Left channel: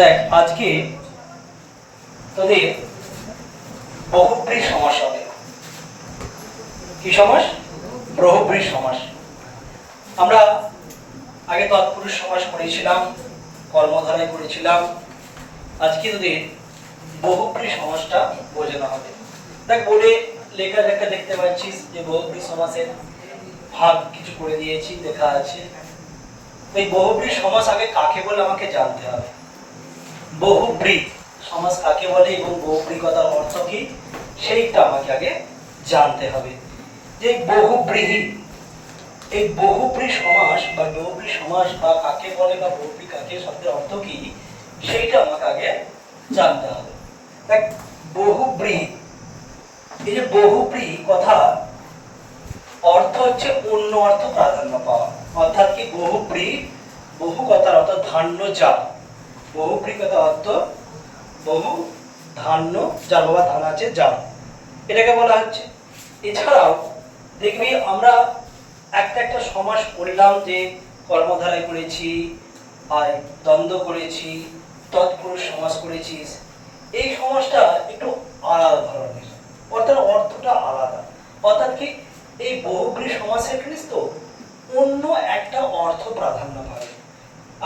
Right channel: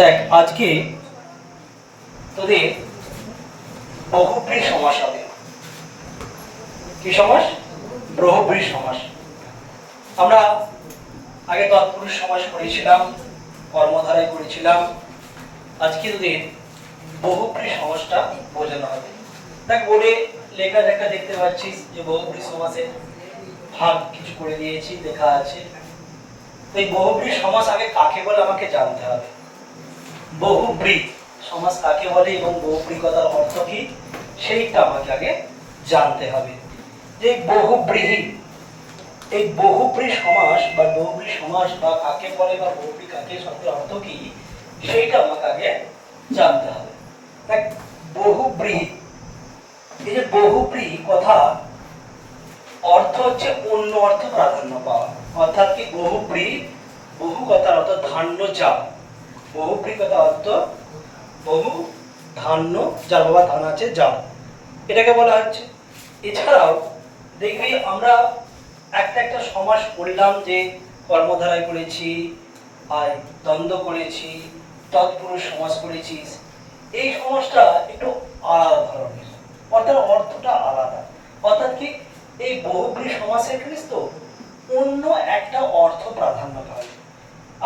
দেখ আজকে তোদের বহুব্রী সমাস হবে। কি সমাস? বহুব্রী সমাস। আমরা আগে তৎপুরুষ সমাস পড়েছিলাম, কর্মধারায় করেছিলাম। আজকে তোদের বহুব্রী সমাসটা বোঝানো হবে। দেখ বলে লেখা লেখা দেখতে পাচ্ছিস যে বহুব্রী সমাসের ভাগ কিছু করে দিয়েছি, লেখা আছে। এই বহুব্রী সমাস আগে কাকে বলে আমাকে জানতে হবে। বহুব্রী সমাস কাকে বলে এবং বহুব্রী কথার অর্থ কি সেইটা আমাকে আগে জানতে হবে। যে বহুব্রীহি, এই বহুব্রী সমাস বা বহুব্রী সমাস বা কাকে বলে বা বহুব্রী কাকে শব্দের অর্থ কি সেইটা আমাকে আগে জানতে হবে। দেখ বহুব্রীহি, এই যে বহুব্রী কথা অর্থ হচ্ছে অন্য অর্থ প্রাধান্য পাওয়া। অর্থাৎ কি বহুব্রী, বহু কথার অর্থ ধান্য জাল। বহুব্রী কথা অর্থ বহু ধান্য জাল, বাবা ধান আছে জাল, এটাকে বলা হচ্ছে। এছাড়াও দেখবি আমরা একটা একটা সমাস করলাম, যে কর্মধারায় করেছি, আর দ্বন্দ্ব করেছি, তৎপুরুষ সমাস করেছিস। এই সমাসটা একটু আলাদা ধরনের, অর্থাৎ অর্থটা আলাদা। অর্থাৎ কি এই বহুব্রী সমাসের জানিস তো অন্য একটা অর্থ প্রাধান্য পায়।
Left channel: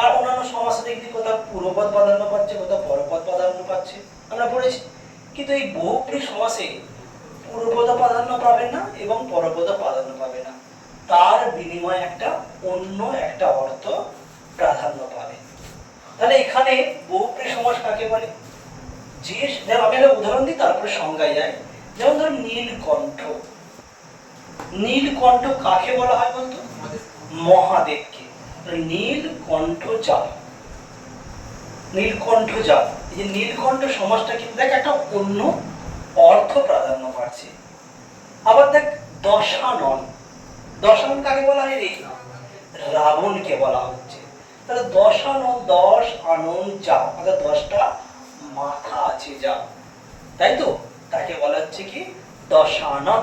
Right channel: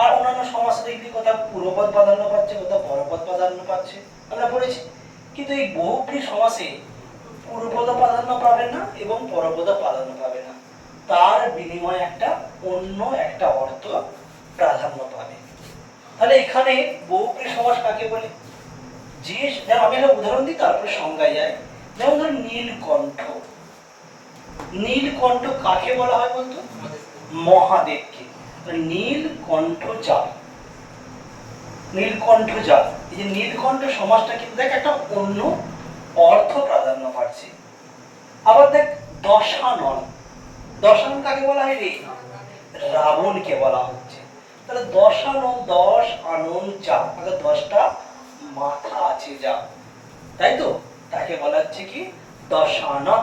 আর অন্যান্য সমাসে দেখবি কোথাও পূর্বপদ প্রাধান্য পাচ্ছে, কোথাও পরপদ প্রাধান্য পাচ্ছে, আমরা পড়েছি। কিন্তু এই বহুব্রী সমাসে পূর্বপদ প্রাধান্য পাবে না এবং পরপদ প্রাধান্য পাবে না, তার বিনিময়ে একটা অন্য একটা অর্থ প্রাধান্য পাবে। তাহলে এখানে বহুব্রী সমাস কাকে বলে? যে আমি একটা উদাহরণ দিই, তারপরে সংজ্ঞায় যায়। যেমন ধর নীলকণ্ঠ। নীলকণ্ঠ কাকে বলা হয় বলতো? মহাদেবকে। নীলকণ্ঠ জাল, নীলকণ্ঠ জাল। এই যে নীলকণ্ঠ সমাসটা কিন্তু দেখ একটা অন্য অর্থ প্রাধান্য পাচ্ছে। আবার দেখ দশানন, দশানন কাকে বলা হয় রে? রাবণকে বলা হচ্ছে। তাহলে দশানন, দশ আনন যা, অর্থাৎ 10টা মাথা আছে যা, তাই তো, তাকে বলা হচ্ছে কি দশানন।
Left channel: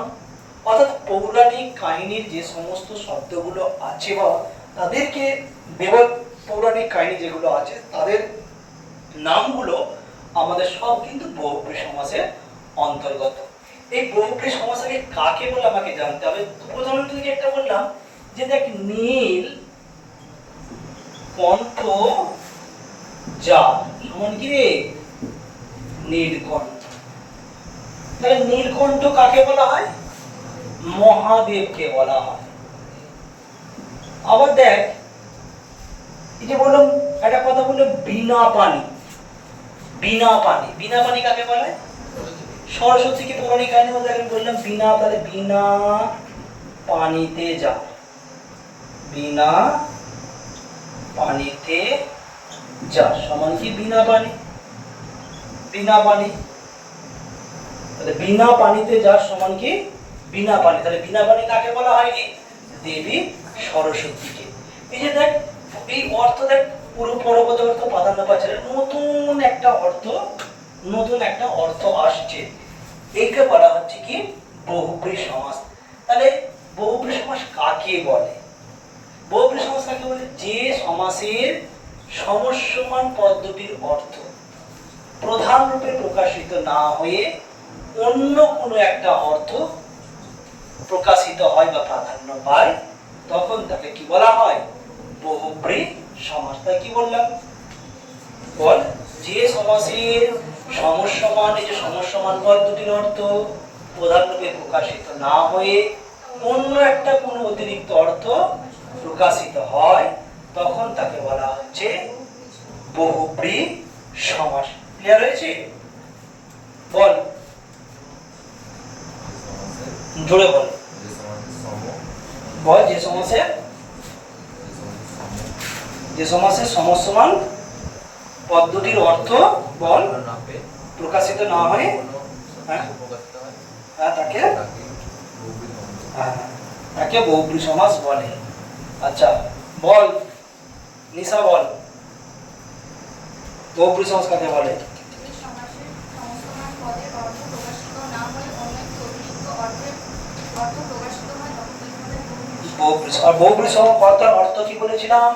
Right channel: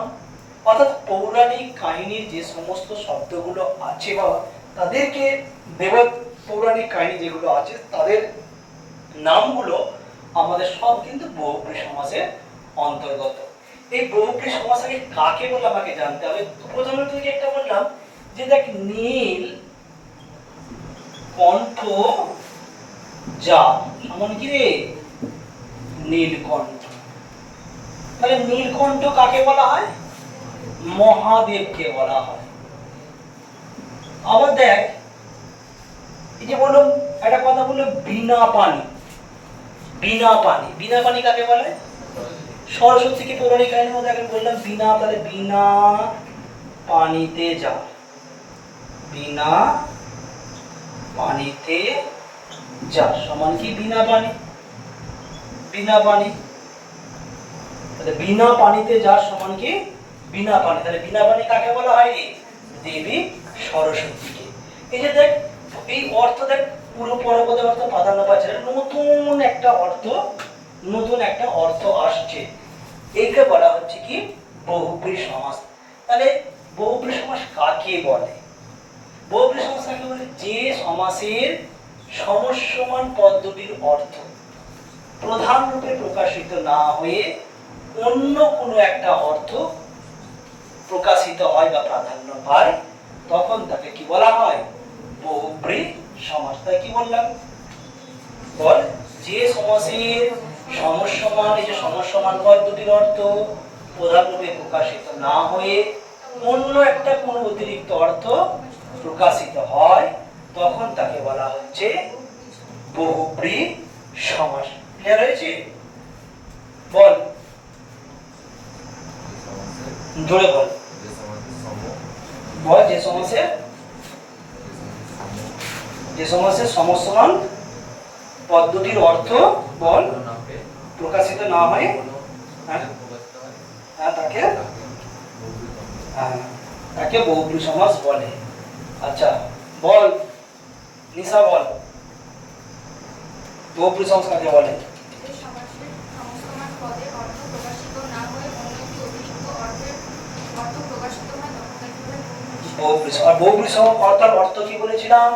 অর্থাৎ পৌরাণিক কাহিনীর যে সমস্ত শব্দগুলো আছে বা তাদেরকে পৌরাণিক কাহিনী যেগুলো আছে তাদের নামগুলো আমাদের সব কিন্তু বহুব্রী সমাসের অন্তর্গত। এই বহুব্রী সমাসকে কাকে বলে আমাকে জানতে হবে। প্রথমে তুই একটা বললাম যে দেখ নীল কণ্ঠ যা এমন কি রে? নীলকণ্ঠ। তাহলে নীলকণ্ঠ কাকে বলা হয়? মহাদেবকে বলা হয়। আবার দেখ এই যে বললাম একটা কথা বললো বিনা পানি। বিনা পানি, বিনা পানি কাকে বলে? সরস্বতীকে পৌরাণিক কাহিনীর মধ্যে আমি বললাম বিনা, তাহলে বিনা পানিতে যা, বিনা পানিতে যা সমান কি বিনা পানি? বিনা পানি। তাহলে বিনা পানিতে যা সমান কি বিনা পানি। তাহলে বিনা পানি কাকে বলা হয়? দেবী সরস্বতীকে। এই যে দেখ এই অর্থ দেখ পুরো পরপদের অর্থ প্রাধান্য পাচ্ছে, নতুন একটা অর্থ, নতুন একটা অর্থ আসছে। এইকে বলা হচ্ছে কি বহুব্রী সমাস। তাহলে বহুব্রী সমাস কাকে বলে? বহুব্রী সমাস কাকে বলে? যে সমাসের সমস্যমান পদ্ধতির অর্থ প্রধান রূপে প্রকাশিত না হয়ে অন্য কোনো একটা অর্থ প্রকাশিত হয় বা প্রাধান্য পায়, তখন তাকে কি বলা হয়? বহুব্রী সমাস। তাই কি বললাম? বল, যে সমাসের সমস্যমান, এই যে সমস্যমান পদ্ধতির অর্থ প্রধান রূপে প্রকাশিত না হয়ে অন্য একটা কোনো অতিরিক্ত অর্থ প্রকাশিত হয়, তখন তাকে বলা হচ্ছে বহুব্রী সমাস। ক্লিয়ার হয়েছে? বল, জোরে বল। বল, যে সমাসের, যে সমাসের সমস্যমান পদ্ধতির অর্থ বল প্রকাশিত না হয়, তাকে তাকে বহুব্রী সমাস বলে। আচ্ছা বল নিশা, বল বহুব্রী সমাস কাকে বলে? বহুব্রী সমাস। বহুব্রী সমাস কথার অর্থ কি বলেছিলাম?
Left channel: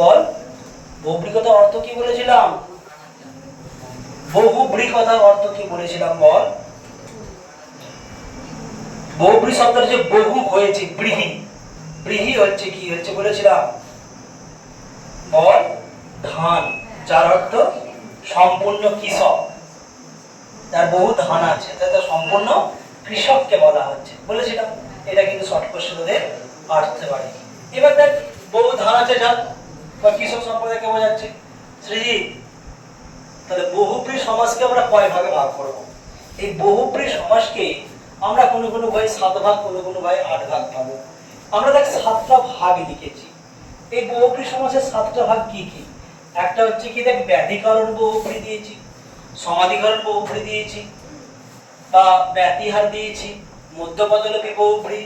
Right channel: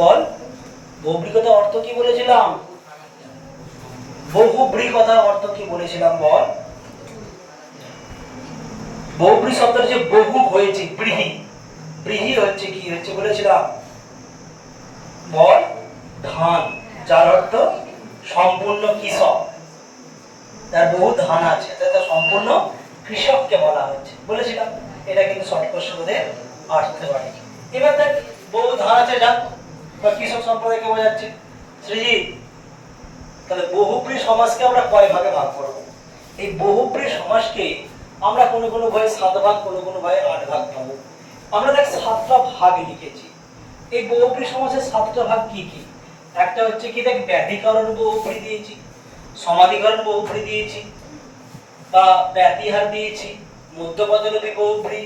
বল, বহুব্রী কথার অর্থ কি বলেছিলাম? বহুব্রী কথার অর্থ কি বলেছিলাম বল? বহুব্রী শব্দের যে বহু হয়েছে ব্রীহি, ব্রীহি হচ্ছে কি হচ্ছে বলেছিলাম বল? ধান, যার অর্থ সম্পূর্ণ কৃষক, যার বহু ধান আছে তার সম্পূর্ণ কৃষককে বলা হচ্ছে বলেছিলাম। এটা কিন্তু শর্ট কোশ্চেনে আসতে পারে। এবার দেখ বহু ধান আছে যার বা কৃষক সম্প্রদায়কে বোঝাচ্ছে। সৃজিত, তাহলে বহুব্রী সমাজকে আমরা কয় ভাগে ভাগ করব? এই বহুব্রী সমাজকে আমরা কোনো কোনো ভাগে 7 ভাগ, কোনো কোনো ভাগে 8 ভাগ পাবো। আমরা দেখ 7টা ভাগ লিখেছি। এই বহুব্রী সমাজের 7টা ভাগ কি কি? একটা হচ্ছে কি দেখ ব্যাধিকরণ বহুব্রী দিয়েছি, সমাধিকরণ বহুব্রী দিয়েছি, বা ব্যতিহার দিয়েছি, মধ্যপদলোপী বহুব্রী,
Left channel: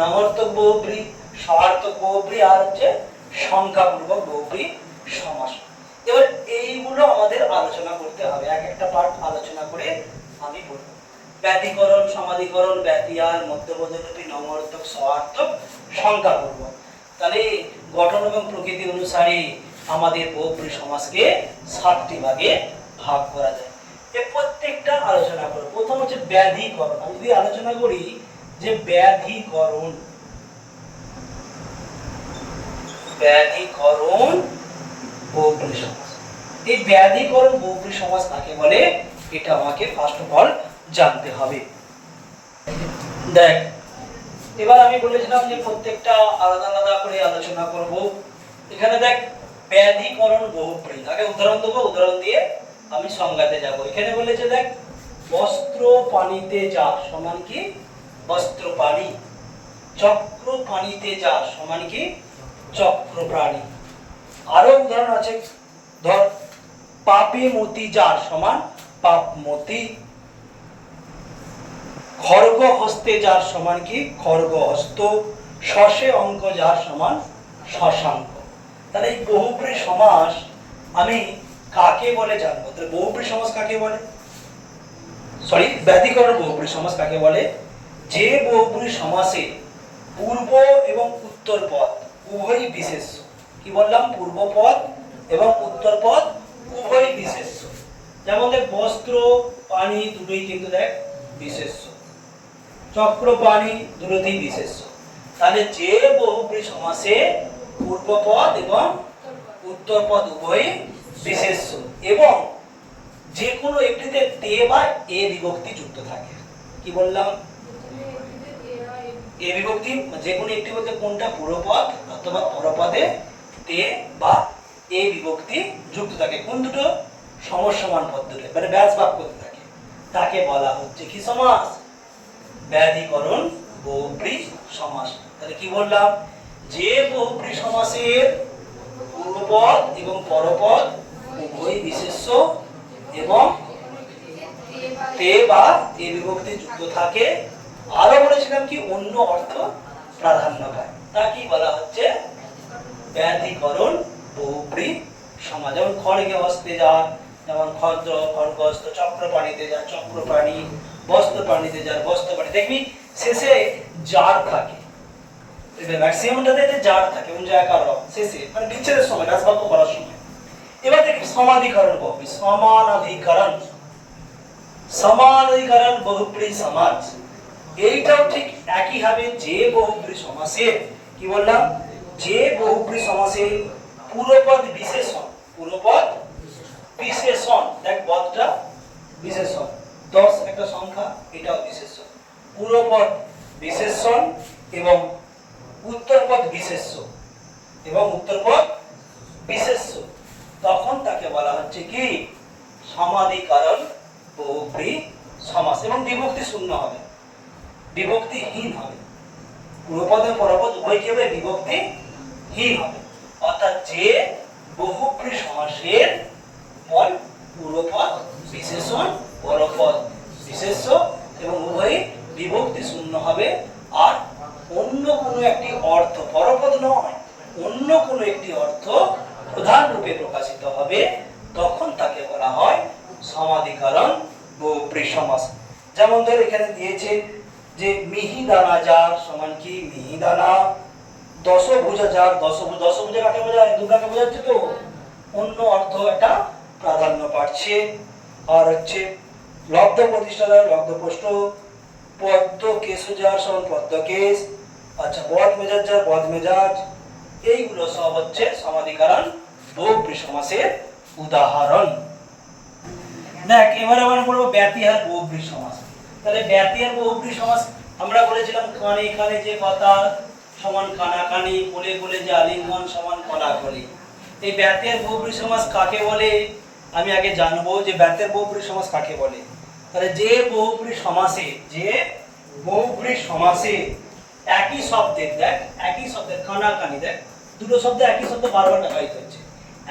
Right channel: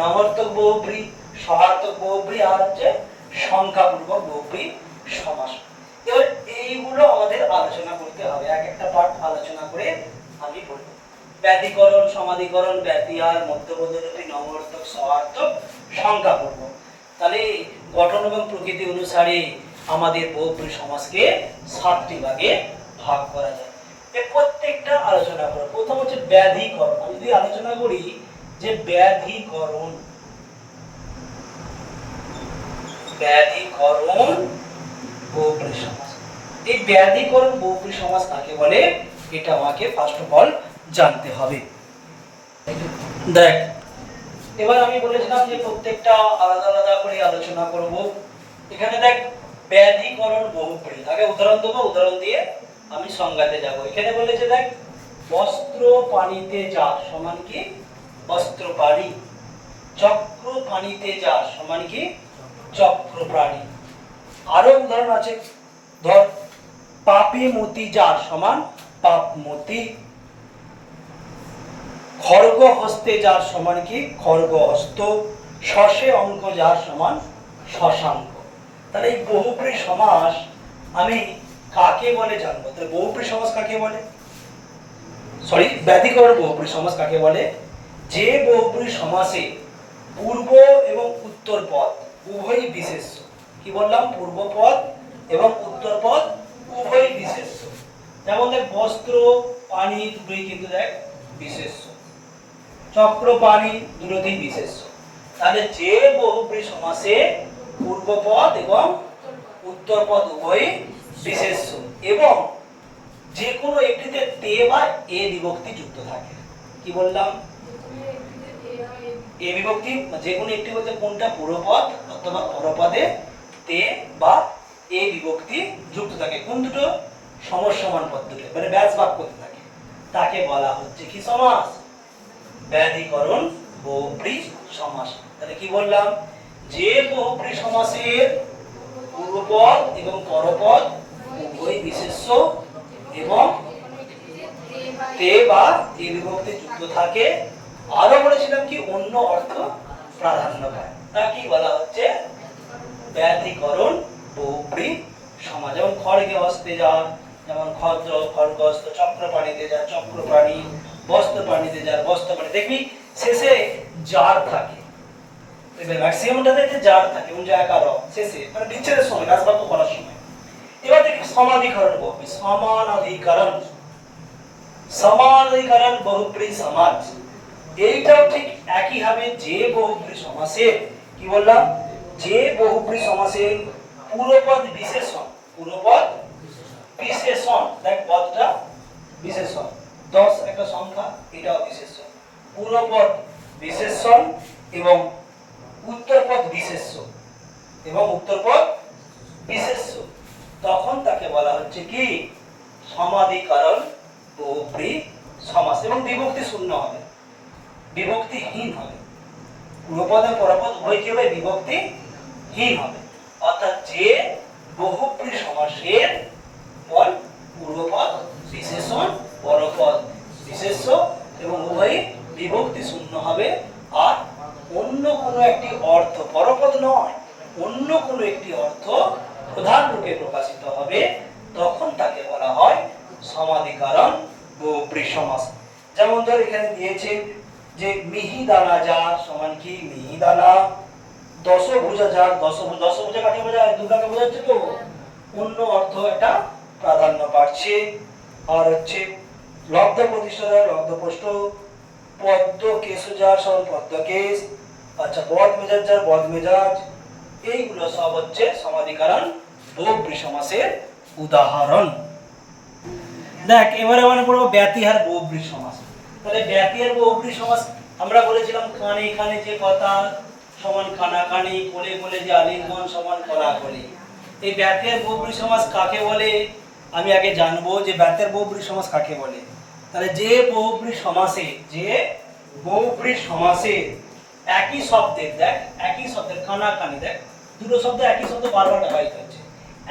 নমর্থক বহুব্রী, সহার্থক বহুব্রী, আর হচ্ছে সংখ্যাপূর্বক বহুব্রী সমাস। এবার এইগুলো আমাদের আলোচনা করতে হবে, এক একটা পার্ট আলোচনা করে আমি বলবো। ব্যতিকরণ, সমাধিকরণ, ব্যতিহার, মধ্যপদলোপী, নমর্থক, সহার্থক, সংখ্যাপূর্বক। তাহলে গঠন এবং প্রকৃতি অনুসারে আমাদের বহুব্রী সমাজকে 7টি ভাগে ভাগ করা যায়। এই প্রত্যেকটা আলোচনা করব। প্রথম হচ্ছে ব্যাধিকরণ। আমি যদি আলোচনা করি যে ব্যাধিকরণ, ব্যাধিকরণ বহুব্রী সমাস। এই ব্যাধিকরণ বহুব্রী সমাস কাকে বলে এটা আমাকে ফার্স্ট অফ অল জানতে হবে। দেখ এবার আমি বলেছিলাম যে প্রত্যেকটা আলাদা আলাদা করে আলোচনা করব। এখানে দেখ ব্যাধিকরণ বহুব্রী, আগে উদাহরণ দেবো, উদাহরণ দিয়ে আমি সংজ্ঞাতে যাব। এখানে বলেছে দেখ বস্ত্র পানিতে যার সমান কি? বস্ত্র প্রাণী। চক্র পানিতে যার সমান কি? চক্র প্রাণী। আরো উদাহরণ আছে, ধর পাপী মতি যার সমান পাপমতি। খড়গ হস্তে যার সমান কি? খড়গ হস্ত। শশে অঙ্ক যার সমান শশাঙ্ক। তাহলে এই বহুব্রী সমাস আমি কাকে বলে জানবো? তাহলে বহুব্রী সমাস কাকে বলে? সরি, ব্যতিকরণ বহুব্রী সমাস কাকে বলে? যে বহুব্রী সমাসে পূর্ব এবং উত্তর পদ উভয়ই বিশেষ্য। কি বললাম? পূর্ব পদ এবং উত্তর পদ উভয়ই বিশেষ্য। যেমন দেখ বস্ত্র পানি দুটোই কিন্তু দেখ বিশেষ্য, চক্র পানি দুটোই বিশেষ্য। তাহলে যে বহুব্রী সমাসে পূর্ব পদ এবং উত্তর পদ উভয়ই বিশেষ্য এবং যে কোনো একটিতে তে বা এ বিভক্তি যুক্ত থাকে। কি বললাম? এ বিভক্তি যে কোনো একটি বলতে কোনটা? পূর্বপদ অথবা পরপদে তে বা এ বিভক্তি যুক্ত থাকে। কোন দুটো? সমসমান পদ দুটো, মানে ব্যাস বাক্য থাকে, তাকে বলা হচ্ছে কি সমাস? ব্যাধিকরণ বহুব্রী সমাস। তাহলে কি বললাম? যে বহুব্রী সমাসের পূর্বপদ এবং পরপদ উভয় বিশেষ্য এবং তে বা এ বিভক্তি যুক্ত থাকে, আরো বলেছিলাম কি অন্য অর্থ প্রাধান্য পায়, তা কি বলা হচ্ছে? ব্যাধিকরণ বহুব্রী সমাস। যেমন খড়গে হস্তে যার, যেমন খড়গহস্ত, চক্র প্রাণীতে যার চক্র প্রাণী, বস্ত্র প্রাণীতে যার বস্ত্র প্রাণী। দেখবি শেষে যার থাকে, ম্যাক্সিমামটাতে যার থাকে, এবং জায়গার শেষে মানে বিচ্ছেদের সময়, রাজবাক্য করার সময়। এবার দেখি সমাধিকরণ বহুব্রী, সমানাধিকরণ, সমানাধিকরণ বহুব্রী সমাস। এইটাও ঠিক একই হবে। যে বহুব্রী সমাসের কি বললাম? যে বহুব্রী সমাসের পূর্বপদ বিশেষণ, পূর্বপদ বিশেষণ, দেখ পদটা বিশেষণ, 10 একটা সংখ্যা, এটাও বিশেষণ। পূর্বপদ বিশেষণ এবং উত্তরপদ বিশেষ্য এবং উত্তরপদ বিশেষ্য, তখন তাকে বলা হচ্ছে কি? সমাধিকরণ বহুব্রী সমাস। এবং বিভক্তি শূন্য হবে, বিভক্তিহীন হবে। পূর্বপদ এবং পরপদ উভয় কি হবে? বিভক্তিহীন হবে। অর্থাৎ যে বহুব্রী সমাসের বল পূর্বপদ বিশেষণ, পরপদ বিশেষ্য এবং উভয় বিভক্তি শূন্য হবে, আর অন্য কোনো একটি অর্থ, পরপদ নয়, অন্য কোনো একটি অর্থ প্রধান রূপে প্রকাশিত হবে, তখন তাকে বলা হয় সমাধিকরণ বহুব্রী সমাস। যেমন ধর এখানে দিয়েছে যে মিহিদানা যার সমান কি? মিহিদানা। দশভুজা যার দশভুজা। দশভুজা কাকে বোঝায়? দুর্গাকে বোঝাচ্ছে তো। অন্য অর্থ একটা প্রাধান্য পাচ্ছে। আর হচ্ছে লব্ধ প্রতিষ্ঠা দ্বারা লব্ধপ্রষ্ট, পদ্ম কেশ যার সমান পদ্মকেশ, আচ্ছা বদ মেজাজ যার বদ মেজাজ, এইগুলো সব হচ্ছে সমাধিকরণ বহুব্রী সমাসের উদাহরণ। দেখ এবারে মানে পড়বো ব্যতিহার বহুব্রী সমাস। তাহলে ব্যতিহার বহুব্রী সমাস আমরা বলেছিলাম কানে কানে যে কথা সমান কানাকানি, কোলে কোলে যে আলিঙ্গন সমান কলাকলি। এই ব্যতিহার বহুব্রী সমাস কাকে বলে আমি আগে জানবো যে ব্যতিহার বহুব্রী সমাস কাকে বলে। তাহলে যে বহুব্রী সমাসে একই শব্দের, দেখ একই শব্দের কানাকানি, দেখ দুটো শব্দ একই শব্দ বারবার ব্যবহৃত হচ্ছে,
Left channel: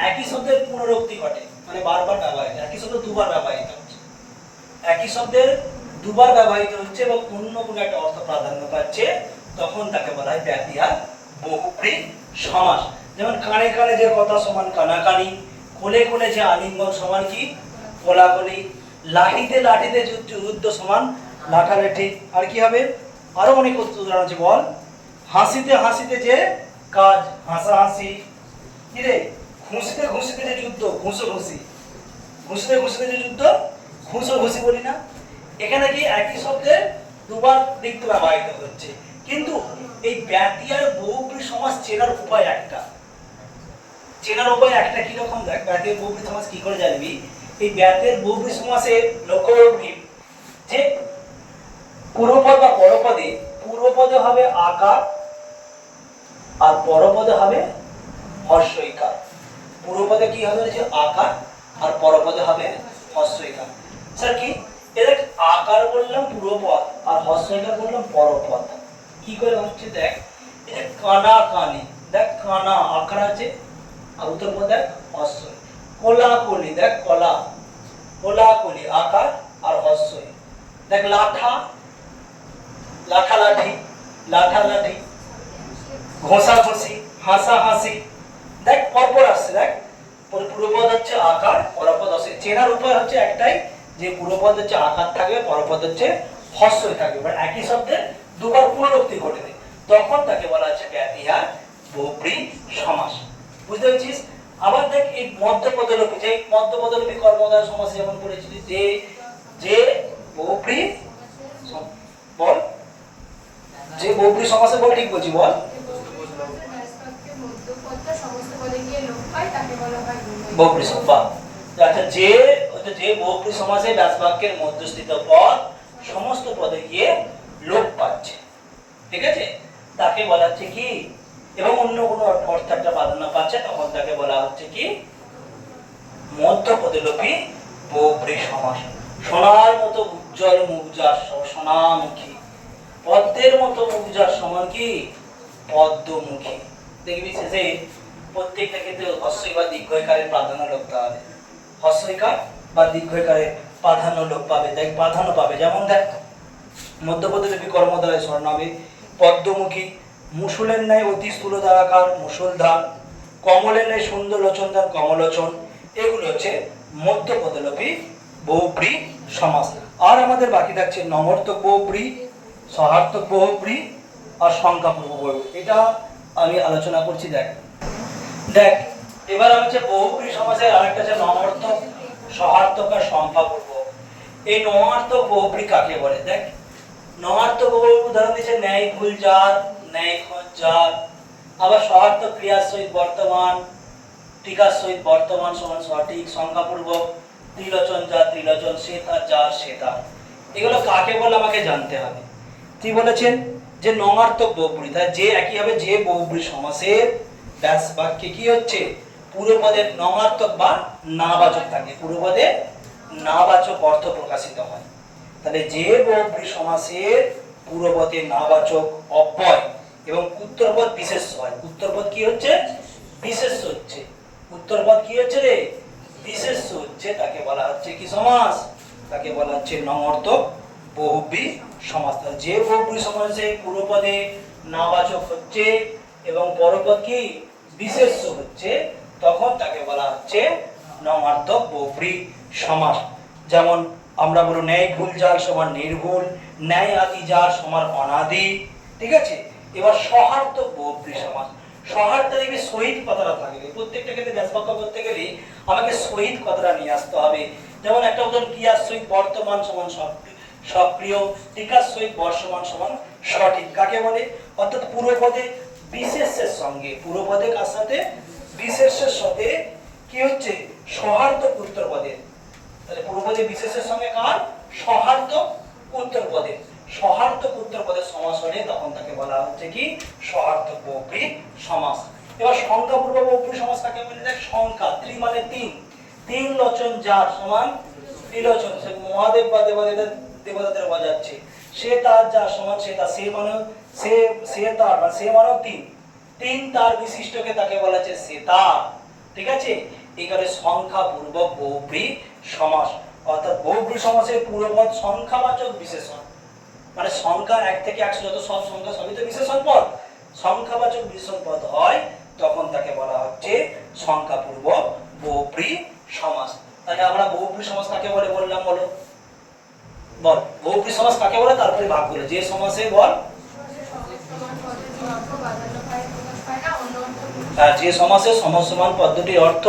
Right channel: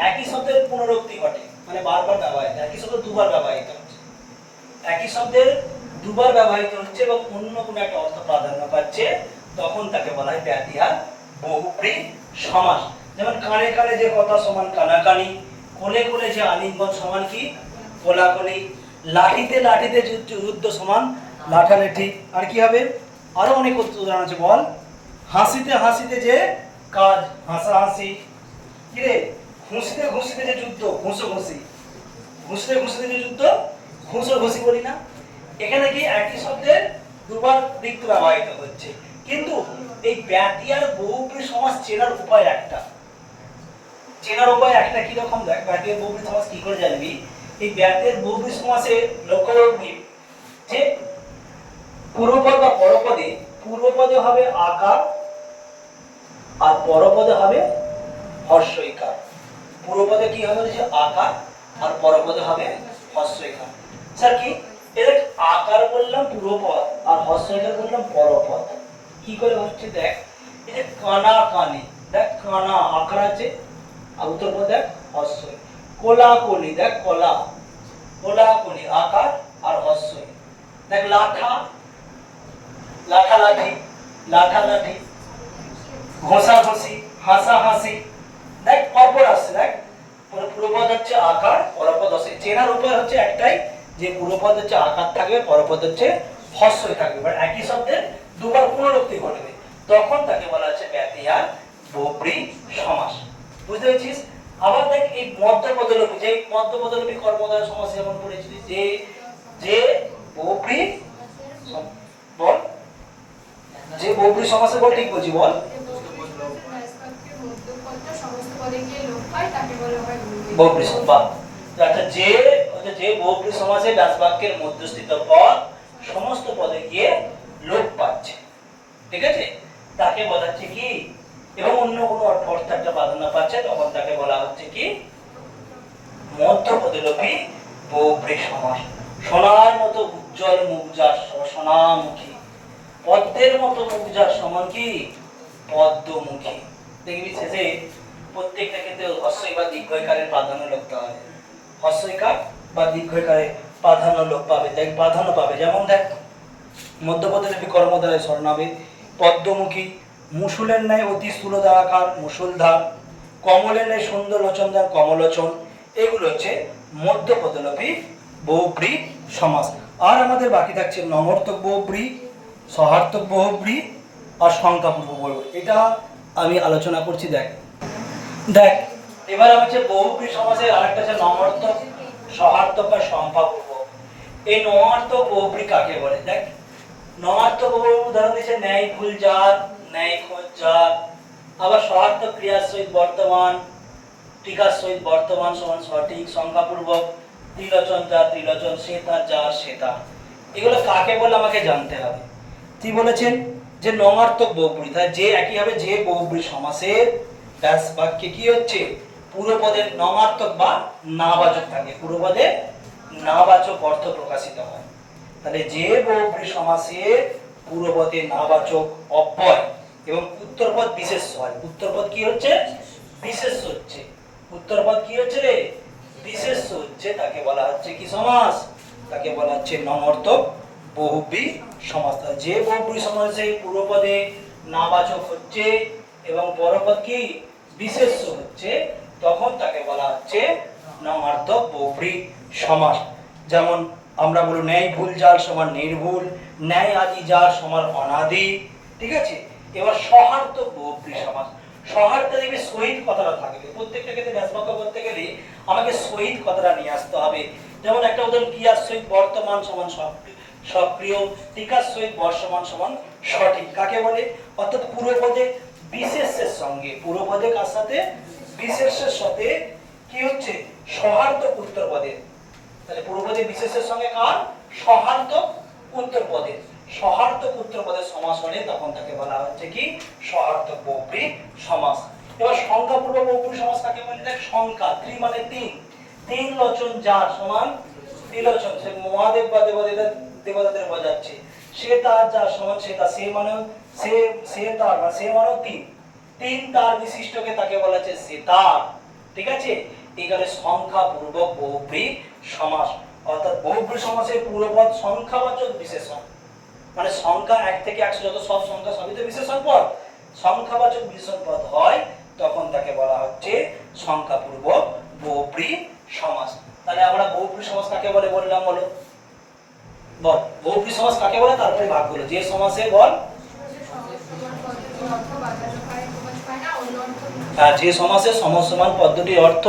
একই শব্দের পুনরুক্তি ঘটে মানে বারবার ব্যবহৃত, একই শব্দ দুবার ব্যবহৃত হচ্ছে, একই শব্দের দুবার ব্যবহৃত হচ্ছে এবং অন্য কোনো একটা অর্থ প্রাধান্য পাচ্ছে, তখন তাকে বলা হয় ব্যতিহার বহুব্রী সমাস। যেমন কানে কানে যে কথা সমান কানাকানি, কোলে কোলে যে আলিঙ্গন সমান কি কোলাকুলি, লাঠিতে লাঠিতে যুদ্ধ সমান লাঠালাঠি। আর কি হবে, আরো অনেক উদাহরণ আছে, বল হাসিতে হাসিতে যে কাজ হাসাহাসি, কি রে ঘুষিতে ঘুষিতে যে যুদ্ধ ঘুষো ঘুষি, ঘুষিতে ঘুষিতে যে যুদ্ধ ঘুষো ঘুষি বলি না। এখানে কি একই শব্দের দুবার দিক ব্যবহৃত হচ্ছে, কিন্তু এই ব্যতিহার বহুব্রী সমাস চেনার উপায় একটা, কি রকম, দেখ ব্যতিহার বহুব্রী সমাস কি করে জানবি। এই ব্যতিহার বহুব্রী সমাসে লক্ষ্য রাখবি যে পূর্বপদ বা পরপদে, পূর্বপদে হবে আকার আর পরপদে হবে হর্ষইকার। পূর্বপদে কি হবে যে আকার আর পরপদে হবে হর্ষইকার। স্যার কি এর আকার বললাম পূর্বপদ আর হর্ষইকার বললাম পরপদ, কি করে হচ্ছে দেখ, এই যে কানা কানি, দেখ কানা আকার আছে আর উত্তরপদ দেখ হর্ষই, কোলাকুলি দেখ কলা, কোলাকুলি আকার আর হর্ষই, দেখ লাঠা লাঠালাঠি, লাঠালাঠি, ঘষাঘষি, হাসাহাসি, দেখ পরপর আসছে, দেখ পূর্বপদ হচ্ছে আকার পরপদ হর্ষই। চেনার উপায় হচ্ছে একটাই যে পূর্বপদ হচ্ছে আকার থাকবে, পরপদ হচ্ছে হর্ষই থাকবে, মানে একই শব্দের দুবার পুনরুক্তি ঘটবে, তখন তাকে বলা হচ্ছে ব্যতিহার বহুব্রী সমাস। বুঝতে পেরেছিস? আবার দেখ এই মধ্যপদলোপী, যে মধ্যপদলোপী কর্মধারয় সমাস যেমন পড়েছিলি, যে যে বহুব্রী বল, যে বহুব্রী সমাসে বল, ঠিক বলছি বল, বহুব্রী সমাস। অর্থাৎ যে বহুব্রী সমাসে ব্যাস বাক্যের মধ্যস্থিত পদ সমস্ত পদে গিয়ে লোপ পাচ্ছে, ঠিক আছে, তাকে বলা হচ্ছে কি, এবং অন্য কোনো অর্থ একটা প্রাধান্য পাচ্ছে, তখন তাকে বলা হচ্ছে কি মধ্যপদলোপী বহুব্রী সমাস। সোনার মতো উজ্জ্বল মুখ যার সোনামুখী, পদ্মের মতো মুখ যার সমান কি পদ্মমুখী। দেখবি শেষে প্রত্যেকটা ক্ষেত্রে হর্ষই বা দীর্ঘইকারের প্রাধান্য লোপ পাবে, হর্ষইকার বা দীর্ঘইকারের প্রাধান্য লোপ পাবে, দেখ প্রাধান্য পাবে। যেমন দেখ মধ্যপদলোপী কর্মধারয় স্বর্ণাবে, পদ্মমুখী, মুসুলের ন্যায় অতি স্থূলধারাকার মুসুলধার, কমলের ন্যায় সুন্দর লোচনদার কমলোচন, এগুলো হচ্ছে মধ্যপদলোপী বহুব্রী সমাস। আর আমাদের বাকি থাকছে নমর্থক বহুব্রী, সহার্থক বহুব্রী আর সংখ্যাপূর্ব বহুব্রী। এটা আমি আলোচনা করছি। দেখ দেখ এবার হচ্ছে বহুব্রী সমাসের আরেকটা হচ্ছে নমর্থক, সহার্থক আর সংখ্যাপূর্ব। এই নমার্থক বহুব্রী কাকে বলে, দেখ নমার্থক বহুব্রী উদাহরণ দিচ্ছে ন্যায় ভুল যার, ন্যায় খোঁজ যার। আবার সহার্থক ক্রিয়ার সহিত বর্তমান, টিকার সহিত বর্তমান সমান সঠিক, সংখ্যাপূর্বক ত্রিলোচন যার, ত্রিলোচন শ্বেতা যার, শ্বেতা। এগুলো কাকে বলে আমাকে জানতে হবে। তিনি বলেছেন যে নমার্থক বহুব্রী, তাই যে একই হবে যে বহুব্রী সমাসের ব্যাস বাক্যে কি হচ্ছে পূর্বপদের নমার্থক বা নাবাচক থাকে, পূর্বপদে নাবাচক অর্থ প্রকাশিত হয়। তাহলে যে বহুব্রী সমাসের পূর্বপদে নাবাচক অব্যয় এবং উত্তরপদ বিশেষ্য হয়, উত্তরপদ কি হচ্ছে বিশেষ্য হচ্ছে, উত্তরপদ কি হচ্ছে রে বিশেষ্য হচ্ছে, তাকে বলা হচ্ছে কি সমাস, তাকে বলা হচ্ছে নমার্থক বহুব্রী সমাস। যে বহুব্রী সমাসে পূর্বপদে নাবাচক হচ্ছে এবং পরপদ কি বিশেষ্য হচ্ছে, তখন তাকে বলা হচ্ছে নমার্থক বহুব্রী সমাস। যেমন আমরা বলি ন্যায় ভুল যার সমান নির্ভুল, ন্যায় আদি যার সমান অনাদি, ঠিক আছে। এবার সহার্থক বহুব্রী সমাস, সহার্থ দেখবে সহিত কথাটা থাকবে। প্রত্যেকটা ক্ষেত্রে ব্যাস বাক্য বলতে গেলে আমাকে সহিত কথাটা নিয়ে আসতে হবে। যেমন একটা উদাহরণ, ক্রিয়ার সহিত বর্তমান সমান সক্রিয়, টিকার সহিত বর্তমান সমান সঠিক। কাকে বলে? অর্থাৎ পূর্বপদে বিশেষের সঙ্গে, পূর্বপদে কার সাথে? বিশেষের সাথে কি হচ্ছে? সহার্থক উত্তরপদে। তাহলে পূর্বপদে বিশেষের সঙ্গে কার? সহার্থক উত্তরপদে। সহার্থক উত্তরপদের সমাস হলে তখন তাকে বলা হচ্ছে কি? সহার্থক বহুব্রী সমাস। এবার সংখ্যাপূর্বক বহুব্রী সমাস কাকে বলে? দেখ, সংখ্যা, ত্রি মানে তিন, তিন লোচন যার সমান ত্রিলোচন। সে মহাদেব বা দেবতাদের বোঝাচ্ছে। সে তার যার সমান সে তার, সে মানে সে তার বা সে মানে তিন, তিন তার বিশিষ্টকে তাকে বলা হচ্ছে সে তার। ঠিক আছে? এখানে সংখ্যাপূর্বক বহুব্রী সমাস, অর্থাৎ বহুব্রী সমাসের পূর্বপদ সংখ্যাবাচক বিশেষণ। মানে সংখ্যা 1 থেকে 100 যত সব সংখ্যা সবই তো বিশেষণ পদ। সংখ্যাবাচক বিশেষণ পদ হয় তখন তাকে বলা হচ্ছে সংখ্যাপূর্বক বহুব্রী সমাস। তাহলে আমরা বহুব্রী সমাস কাকে বলে বললাম, বলো বল। বহুব্রী সমাস কাকে বলে তারপরে ভাগ বলে। যে সমাসে বল, যে সমাসে সমসমান পদ্ধতির অর্থ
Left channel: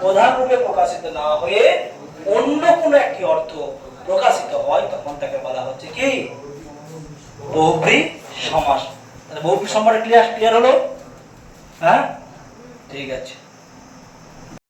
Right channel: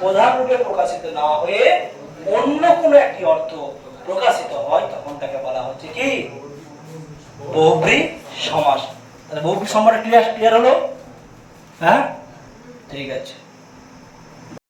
প্রধান রূপে প্রকাশিত না হয়ে অন্য কোনো একটি অর্থ প্রকাশিত হয় তখন তাকে বলা হচ্ছে কি? বহুব্রী সমাস। তাহলে বহুব্রী সমাস ক্লিয়ার হলো? হ্যাঁ, ঠিক আছে।